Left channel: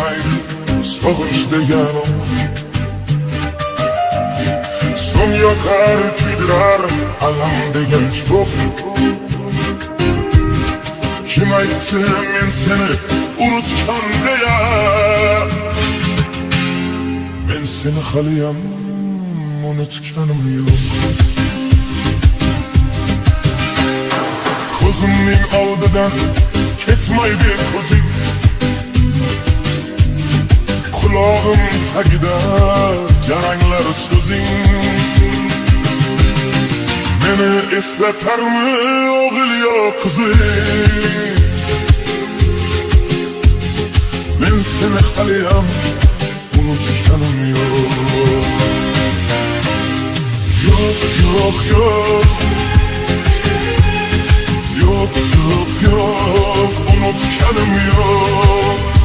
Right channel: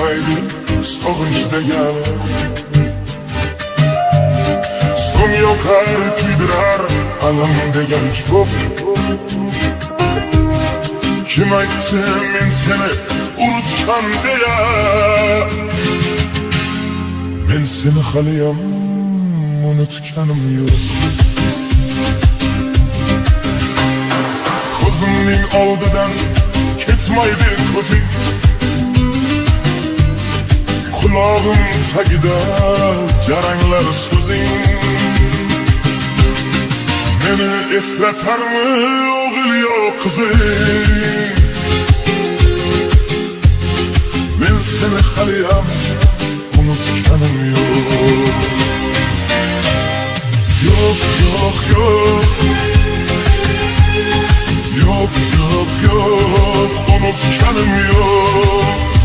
aydı soğuş degano. Son yok her kuydurar anam degen çok. Kim aytdı men seni unutkan diye. Men seni halıyam unutkanım yok. Ko'zimning oldidan ketmaydi ko'zing. Kulağım tagida jaranglar so'zing. Meni eslatarmi o'g'il yo qizing? Men seni haliyam unutkanım yok. Yok yok yok. Yok yok yok, unutkanım yok.